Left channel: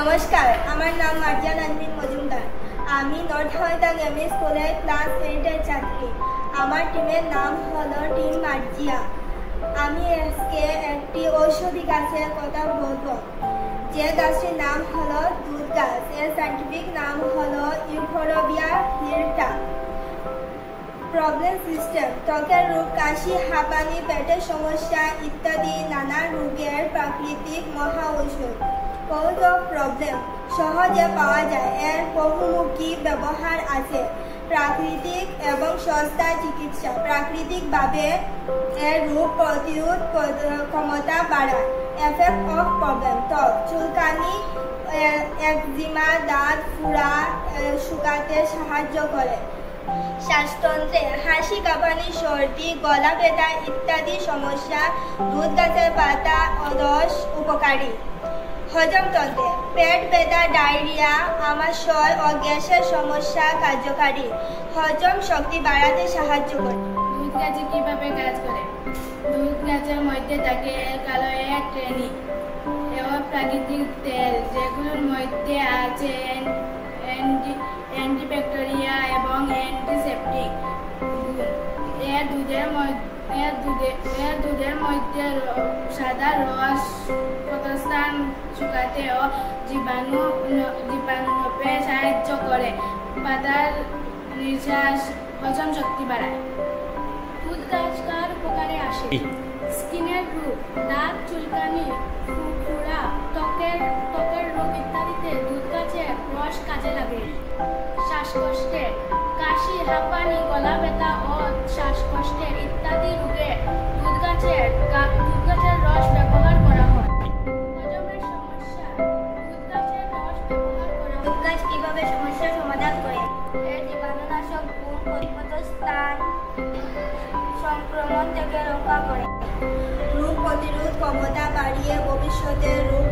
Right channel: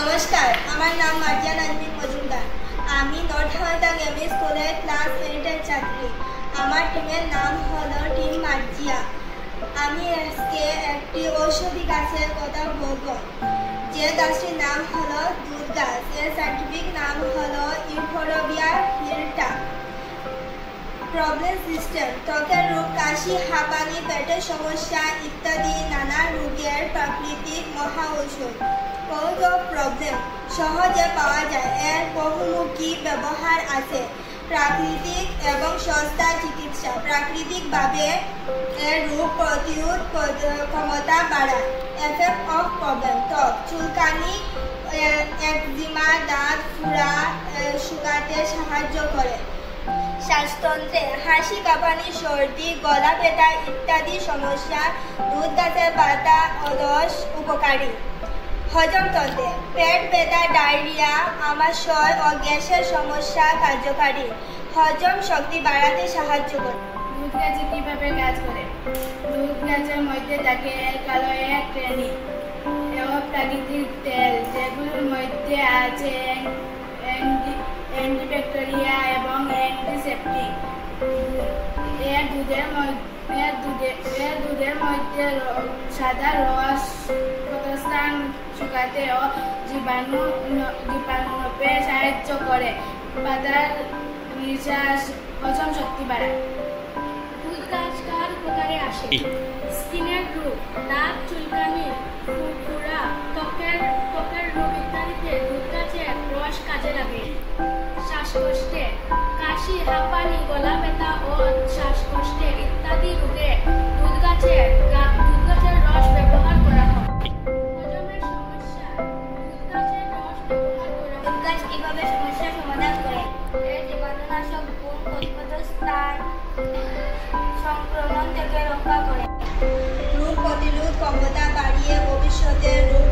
নমস্কার, আমার নাম মার্জিয়া নাজমিন মজুমদার। আমি নর্থ হাওড়া গ্রামীণ স্কুলের ক্লাস 8-এর ছাত্রী। আমার টিমের নাম হলো টিম মার্জিয়া। আমি আজকে একটি ঔষধি গাছের কথা বলবো, যে গাছটির নাম হলো দুধ গাছ। এর সাইন্টিফিক নাম হলো ইউফোরবিয়া হিলটা। প্রবলেম সিস্টেম: ত্বকের রোগ, কাশি, হাঁপানি, পেটের সমস্যা ইত্যাদি নানা রোগের প্রাকৃতিক মহা ঔষধ। কজ অফ প্রবলেম: সহজে পাওয়া যায়, এর বহুমুখী ব্যবহার আছে। প্রাকৃতিক এবং সস্তা চিকিৎসা: প্রাকৃতিকভাবে এর রোগ প্রতিরোধ ক্ষমতা বাড়ায়। এফেক্ট অফ প্রবলেম: ত্বক চুলকানি, একজিমা, দাঁত ফোড়া শুকাতে সাহায্য করে। শ্বাসতন্ত্রে হাসি, কাঁপানি, সর্দি, গলা ব্যথা ইত্যাদি সমস্যা দুধ গাছের পাতা ও রস উপকারী। হজমতন্ত্রে পেট ব্যথা, ডায়রিয়া, আমাশয় ও গ্যাসের সমস্যা কার্যকারী। হজম শক্তি বাড়াতে সাহায্য করে। দুধ গাছে কিভাবে কাজ করে? দুধ গাছের মধ্যে থাকে ক্যালোয়া ট্রেনি এবং প্রাকৃতিক তেল, যেগুলোর মধ্যে আছে অ্যান্টিব্যাকটেরিয়া এবং অ্যান্টিসেপটিক গুণ। এর দুধের মধ্যে সাদা রস ক্ষতস্থান শুকাতে ও জীবাণুনাশে সাহায্য করে। পাতার নিঃশ্বাস হজম শক্তি বাড়ায়। দুধ গাছ কার উপকারে আসে? স্কিনের রোগ, দাঁত চুলকানি, ফুরফুরা, ত্বকের রোগ ইত্যাদিতে দুধ গাছের রস কাজে লাগে। শ্বাসকষ্টে, কাশি, হাঁপানি, গলা ব্যথা ও শ্বাসকষ্টে ইত্যাদি রোগে দুধ গাছের রস ব্যবহার করা হয়। হজমের সমস্যা, দুধ গাছের রস ব্যবহার করা হয়। দুধ গাছ কিভাবে সমস্যার সমাধান করে? এর জীবাণুনাশক গুণ ক্ষতস্থান সংক্রমণ থেকে রক্ষা করে। রোগ প্রতিরোধ ক্ষমতা বাড়িয়ে ভবিষ্যতে রোগ